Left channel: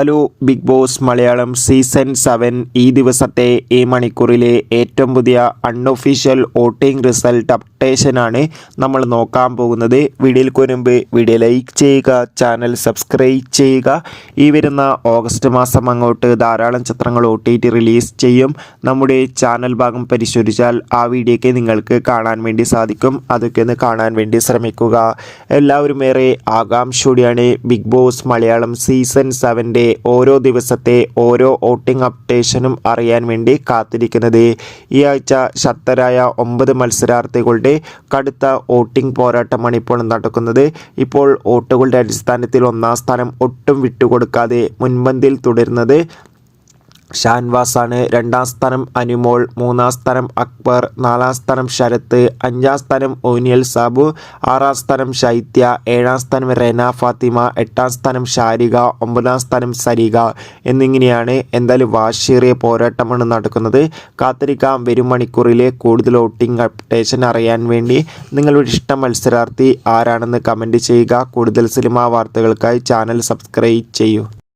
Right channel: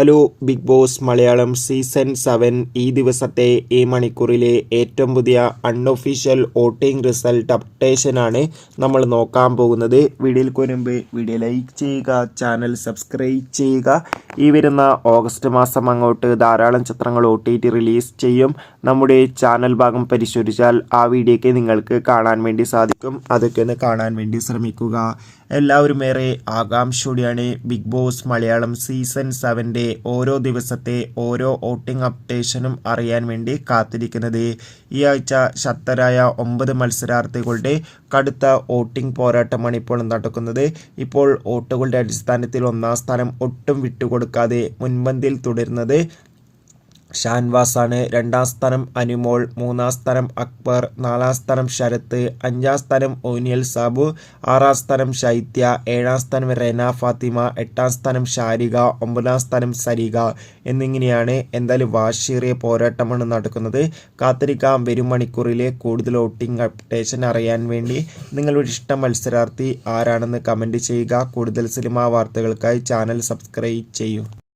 Hello Bigg Boss Malayalam season 7 ഈ ദിവസത്തെ ഈ മണിക്കൂറിലെ ഏറ്റവും പുതിയ അൺഒഫീഷ്യൽ വോട്ടിംഗ് റിസൾട്ട് അപ്ഡേഷനാണ് നമ്മൾ നോക്കാൻ പോകുന്നത്. വീഡിയോയിൽ മുൻപ് വീഡിയോ ലൈക്ക് ചെയ്യുക, ചാനൽ സബ്സ്ക്രൈബ് ചെയ്യുക. ഈ വരുന്ന ഓഗസ്റ്റ് മാസം അങ്ങോട്ട് ധാരാളം ചിത്രങ്ങൾ OTT റിലീസ് ചെയ്യും. നമ്മുടെ ചാനൽ ഭാഗം പരിശോധിച്ചാൽ ആ വീഡിയോയ്ക്ക് നിങ്ങൾക്ക് കാണാൻ വേണ്ടി സാധിക്കും. അതൊക്കെ ഒന്ന് കാണാൻ വേണ്ടി ശ്രമിക്കുക. എല്ലാവരും ഏറെ ആകാംക്ഷയോടെയാണ് ബിഗ് ബോസ് മലയാളം സീസൺ 7 ഓരോ ദിവസത്തെ ഓരോ വോട്ടിംഗ് അപ്ഡേഷനും അറിയാൻ വേണ്ടി കാത്തിരിക്കുന്നത്. ഈ ആഴ്ച ശക്തരായ 9 മത്സരാർത്ഥികളുടെ കടുത്ത വോട്ടിംഗ് പോരാട്ടമാണ് ഇപ്പോൾ നടക്കുന്നത്. ഇപ്പോൾ വോട്ടുകളുടെ അടിസ്ഥാനത്തിൽ 1-ാം സ്ഥാനം ഒട്ടും വിട്ടുകൊടുക്കാതെ മുൻപന്തിയിൽ തുടരുന്നത് ഷാൻവാസാണ്. 2-ാം സ്ഥാനം അനുമോൾ, 3-ാം സ്ഥാനം അക്ബർ, 4-ാം സ്ഥാനം ശരത്ത്, 5-ാം സ്ഥാനം ഓനിയൽ സാബു, 6-ാം സ്ഥാനം ശൈത്യ, 7-ാം സ്ഥാനം റെന ഫാത്തിമ, 8-ാം സ്ഥാനം ഷാരിക, 9-ാം സ്ഥാനം സരിക എന്നിങ്ങനെയാണ്. എന്തായാലും വാശിയേറിയ പോരാട്ടമാണ് നടക്കുന്നത്. കാത്തിരിക്കാം വരും മണിക്കൂറിലെ കൂടുതൽ വോട്ടിംഗ് അപ്ഡേഷൻ അറിയാൻ വേണ്ടി. നിങ്ങളുടെ ഇഷ്ട മത്സരാർത്ഥി ആരാണെന്ന് കമൻറ്റ് ചെയ്യുക. കൂടുതൽ സിനിമാ വാർത്തകൾക്കായി ചാനൽ സബ്സ്ക്രൈബ് ചെയ്യൂ.